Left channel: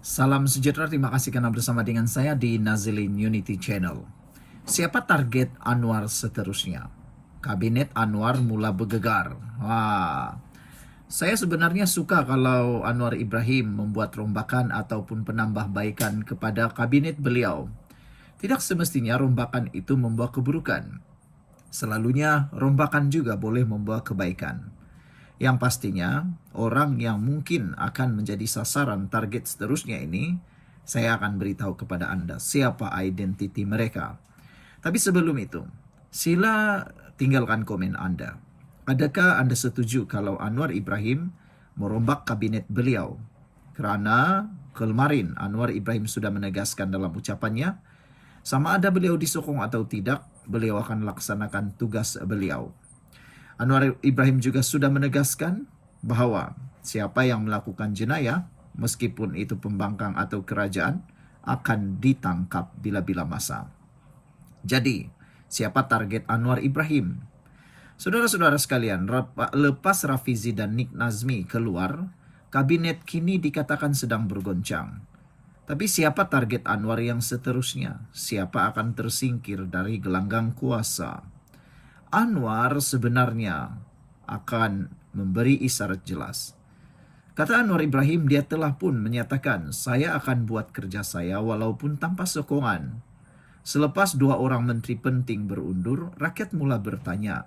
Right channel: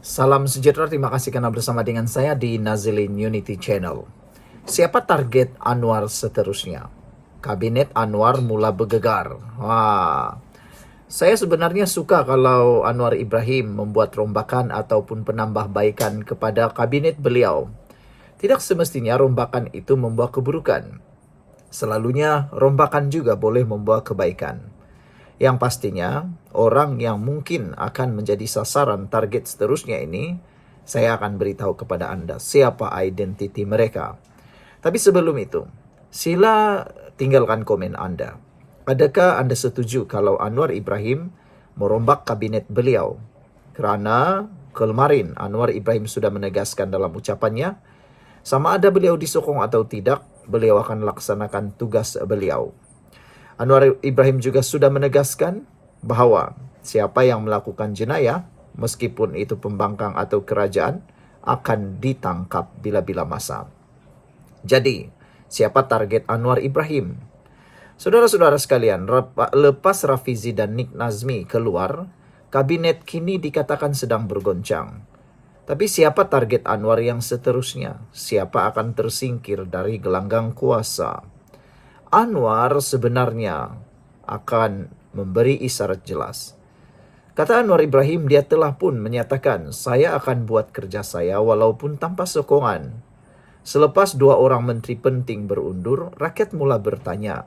Salam sejahtera, terima kasih karena bersama dengan saya di Nazilin Unity Channel. Siapa target Anwar seterusnya? Kabinet Anwar mula bergegar. Saya sebenarnya suka kalau Anwar Ibrahim membuat rombakan ataupun penambahbaikan kepada kabinet beliau. Tidak semestinya rombakan itu membawa keburukan. Selalunya rombakan juga boleh membawa kebaikan. Yang pastinya, orang yang mungkin akan menjadi sasaran target seterusnya ini, saya akan beritahu kepada Anda siapa identiti mereka. Tapi sebelum itu, sila tinggalkan komen Anda. Adakah Anda setuju kalau Anwar Ibrahim merombak kabinet beliau? Kerana kemarin Anwar Ibrahim sudah menegaskan dalam ucapannya, sama ada beliau disokong atau tidak, beliau akan laksanakan tugas beliau. Anwar Ibrahim juga sudah menegaskan bahawa siapa yang melakukan jenayah, meskipun itu pembangkang atau kerajaan, akan ditangkap bila-bila masa. Jadi, siapa target Anwar Ibrahim? Saudara-saudara sekalian, lepas Rafizi dan Nik Nazmi keluar, kabinet kini dikatakan sedang bergoncang. Tapi siapa target Anwar yang seterusnya? Siapa akan tersingkir dari gelanggang kuasa? Anwar sebenarnya akan memberi isyarat jelas. Kata Anwar Ibrahim, dia telah pun menyatakan, saya akan buat kerja saya walaupun tanpa sokongan. Selepas dua orang menteri penting berundur, rakyat mula bertanya,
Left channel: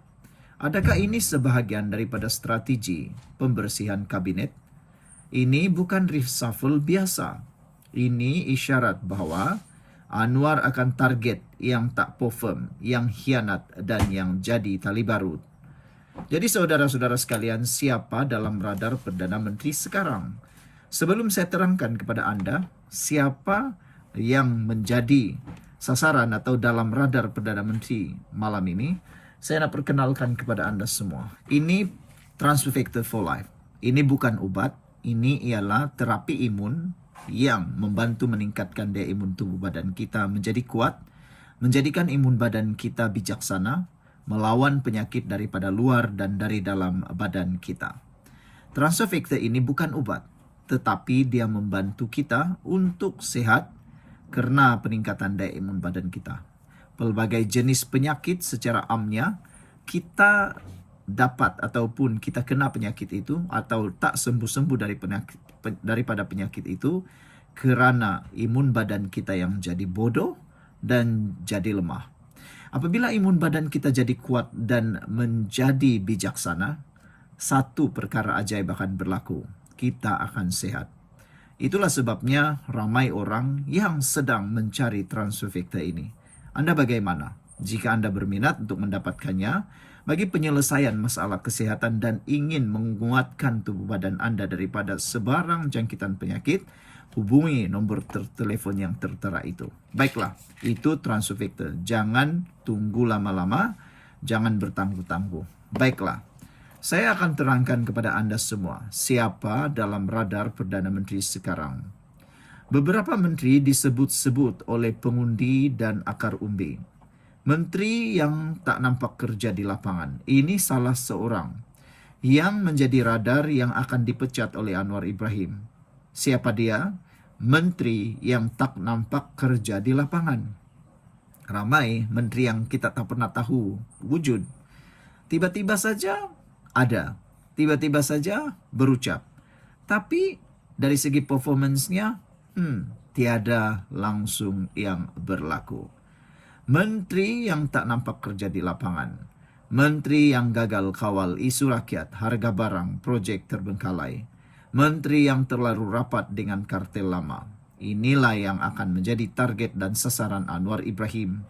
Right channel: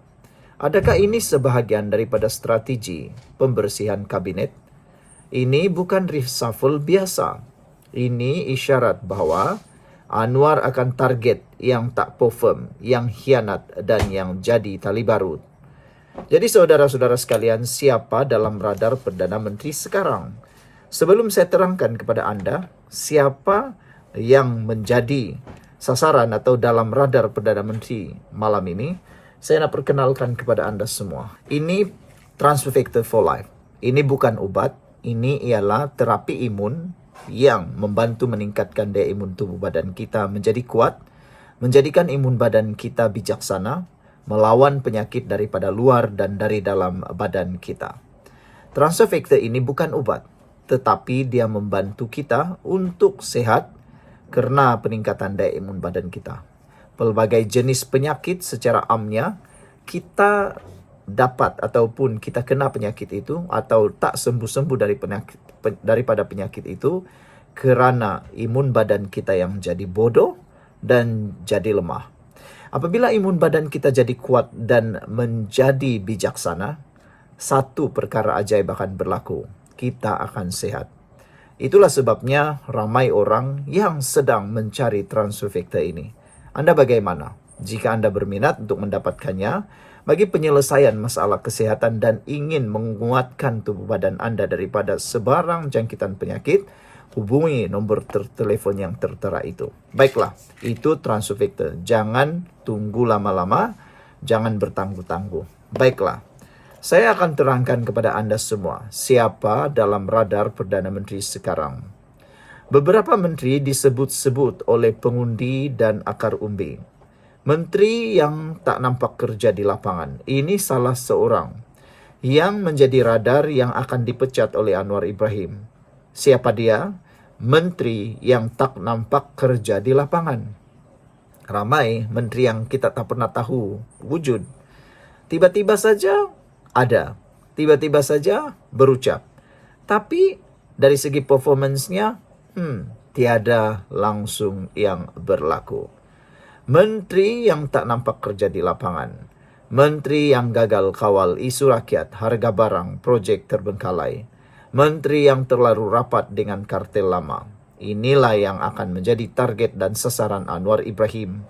adakah ini sebahagian daripada strategi pembersihan kabinet? Ini bukan reshuffle biasa. Ini isyarat bahawa Anwar akan target yang tak perform, yang khianat dan yang jadi tali barut. Jadi saudara-saudara sekalian, siapa dalam radar Perdana Menteri sekarang? Sebelum saya terangkan kepada Anda, siapa yang menjadi sasaran atau dalam radar Perdana Menteri malam ini, saya nak perkenalkan kepada Anda semua. Ini Transfer Factor for Life. Ini bukan ubat, ini ialah terapi imun yang membantu meningkatkan daya imun tubuh badan kita menjadi kuat, menjadikan imun badan kita bijaksana, melawan penyakit daripada luar dan dari dalam badan kita. Transfer Factor ini bukan ubat, tetapi dia membantu kita untuk sehat kerana peningkatan daya imun badan kita. Pelbagai jenis penyakit secara amnya, kita dapat ataupun kita kena penyakit itu atau tak sembuh-sembuh daripada penyakit itu kerana imun badan kita yang jadi bodoh dan jadi lemah. Apabila imun badan kita jadi kuat dan menjadi bijaksana, satu perkara ajaib akan berlaku. Kita akan sehat. Itulah sebabnya ramai orang yang sedang mencari transfer factor ini. Anda bagaimana? Jika Anda berminat untuk mendapatkannya, bagi penyelesaian masalah kesihatan dan ingin menguatkan tubuh badan Anda daripada sebarang jangkitan penyakit, hubungi nombor telefon yang tertera itu. Baiklah, itu transfer factor. Jangan tunggu lama-lama, jangan bertangguh-tangguh. Baiklah, saya akan terangkan kepada Anda semua siapa dalam radar Perdana Menteri sekarang. Beberapa menteri disebut-sebut oleh pengundi dan akar umbi. Menteri yang tak nampak kerja di lapangan. Ini salah seorang yang menjadi radar yang akan dipecat oleh Anwar Ibrahim. Siapa dia? Menteri yang tak nampak kerja di lapangan. Ramai menteri yang kita tak pernah tahu wujud. Tiba-tiba saja ada. Tiba-tiba saja berucap. Tapi dari segi performance-nya, tiada langsung yang berlaku. Menteri yang tak nampak kerja di lapangan. Menteri yang gagal kawal isu rakyat, harga barang, projek terbengkalai. Menteri yang terlalu rapat dengan kartel lama. Inilah yang akan menjadi target dan sasaran Anwar Ibrahim.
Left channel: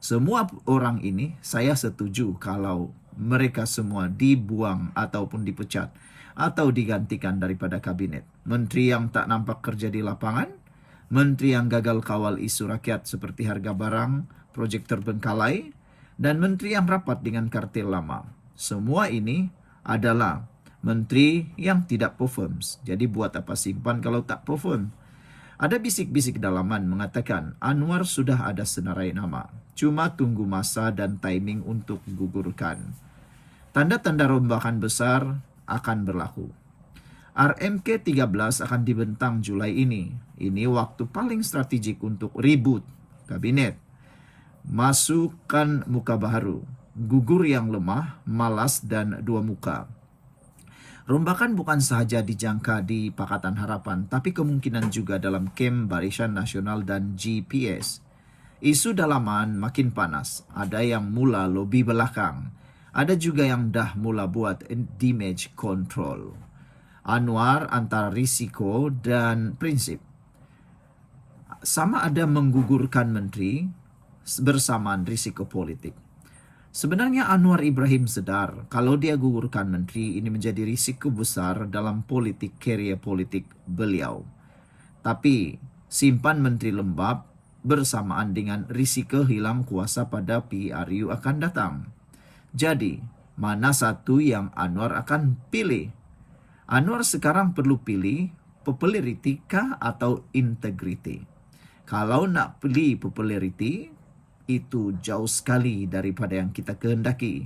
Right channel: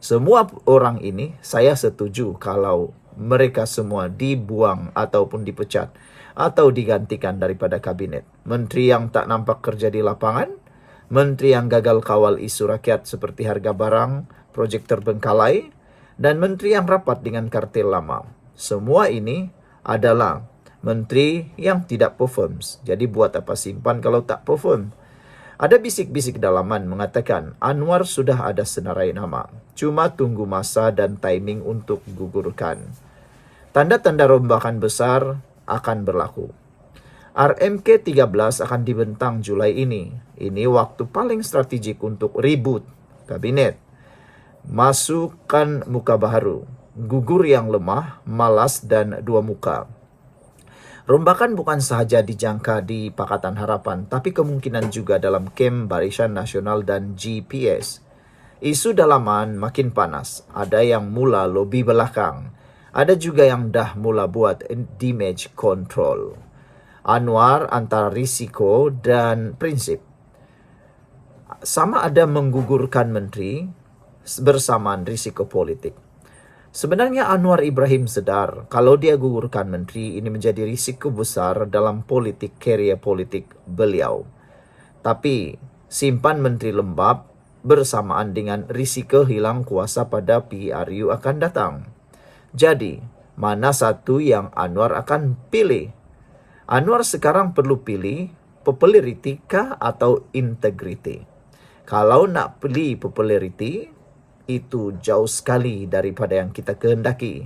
Semua orang ini saya setuju kalau mereka semua dibuang ataupun dipecat atau digantikan daripada kabinet. Menteri yang tak nampak kerja di lapangan, menteri yang gagal kawal isu rakyat seperti harga barang, projek terbengkalai, dan menteri yang rapat dengan kartel lama. Semua ini adalah menteri yang tidak perform. Jadi buat apa simpan kalau tak perform? Ada bisik-bisik dalaman mengatakan Anwar sudah ada senarai nama. Cuma tunggu masa dan timing untuk gugurkan. Tanda-tanda rombakan besar akan berlaku. RMK 13 akan dibentang Julai ini. Ini waktu paling strategik untuk reboot kabinet. Masukkan muka baru, gugur yang lemah, malas, dan dua muka. Rombakan bukan sahaja dijangka di Pakatan Harapan, tapi kemungkinan juga dalam kem Barisan Nasional dan GPS. Isu dalaman makin panas, ada yang mula lobi belakang, ada juga yang dah mula buat damage control. Anwar antara risiko dan prinsip. Sama ada menggugurkan menteri bersamaan risiko politik. Sebenarnya Anwar Ibrahim sedar kalau dia gugurkan menteri ini menjadi risiko besar dalam politik karier politik beliau. Tapi simpan menteri lembab bersamaan dengan risiko hilang kuasa pada PRU akan datang. Jadi, mana satu yang Anwar akan pilih? Anwar sekarang perlu pilih populariti kah atau integriti? Kalau nak pilih populariti, itu jauh sekali daripada yang kita kehendaki.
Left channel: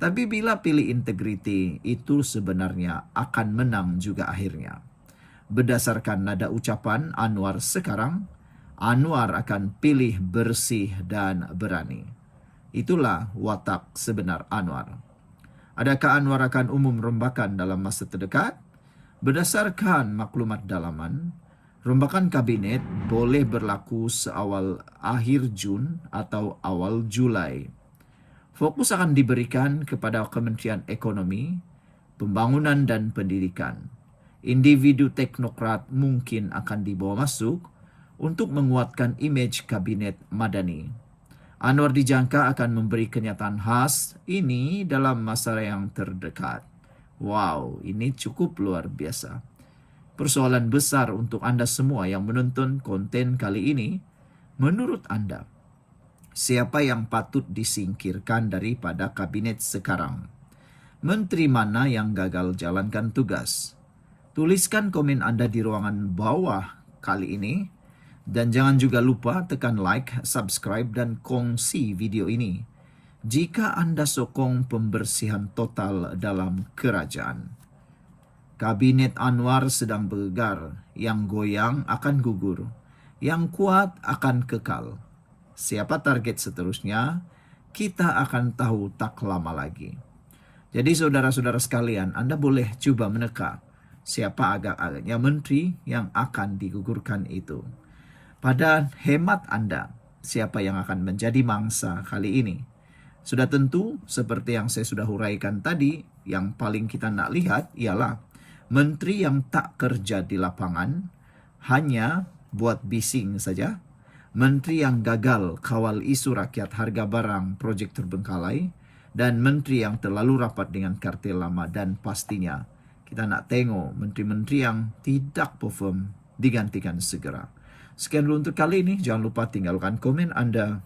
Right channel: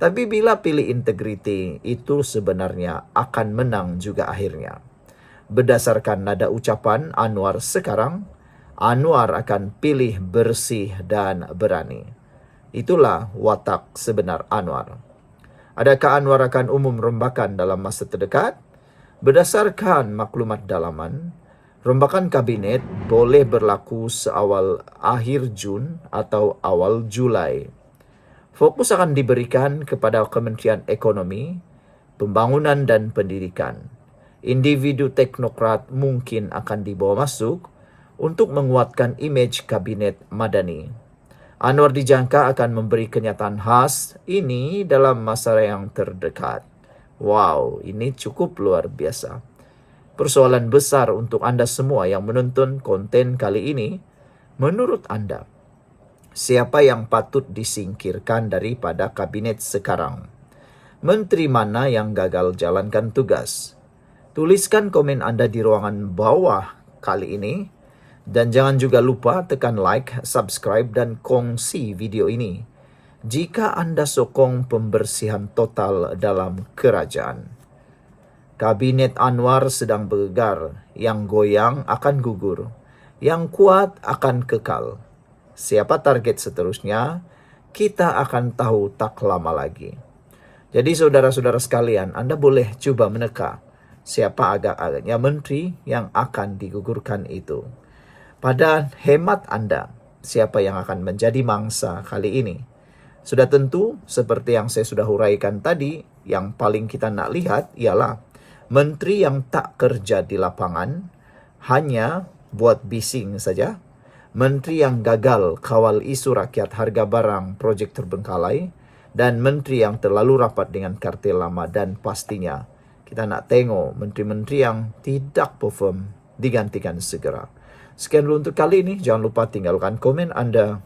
Tapi bila pilih integriti, itu sebenarnya akan menang juga akhirnya. Berdasarkan nada ucapan Anwar sekarang, Anwar akan pilih bersih dan berani. Itulah watak sebenar Anwar. Adakah Anwar akan umum rombakan dalam masa terdekat? Berdasarkan maklumat dalaman, rombakan kabinet boleh berlaku seawal akhir Jun atau awal Julai. Fokus akan diberikan kepada Kementerian Ekonomi, Pembangunan dan Pendidikan. Individu teknokrat mungkin akan dibawa masuk untuk menguatkan imej kabinet Madani. Anwar dijangka akan memberi kenyataan khas ini dalam masa yang terdekat. Wow, ini cukup luar biasa. Persoalan besar untuk Anda semua yang menonton konten kali ini, menurut Anda, siapa yang patut disingkirkan daripada kabinet sekarang? Menteri mana yang gagal jalankan tugas? Tuliskan komen Anda di ruangan bawah kali ini. Dan jangan juga lupa tekan like, subscribe, dan kongsi video ini jika Anda sokong pembersihan total dalam kerajaan. Kabinet Anwar sedang bergegar, yang goyang akan gugur, yang kuat akan kekal. Siapa target seterusnya, kita akan tahu tak lama lagi. Jadi saudara-saudara sekalian, Anda boleh coba meneka siapa agak-agaknya menteri yang akan digugurkan itu. Pada hemat Anda, siapa yang akan menjadi mangsa kali ini? Sudah tentu, seperti yang saya sudah huraikan tadi, yang paling kita nak lihat ialah menteri yang tak kerja di lapangan, hanya buat bising saja. Menteri yang gagal kawal isu rakyat harga barang projek terbengkalai, dan menteri yang terlalu rapat dengan kartel lama, dan pastinya kita nak tengok menteri-menteri yang tidak perform digantikan segera. Sekian dulu untuk kali ini. Jangan lupa tinggalkan komen Anda.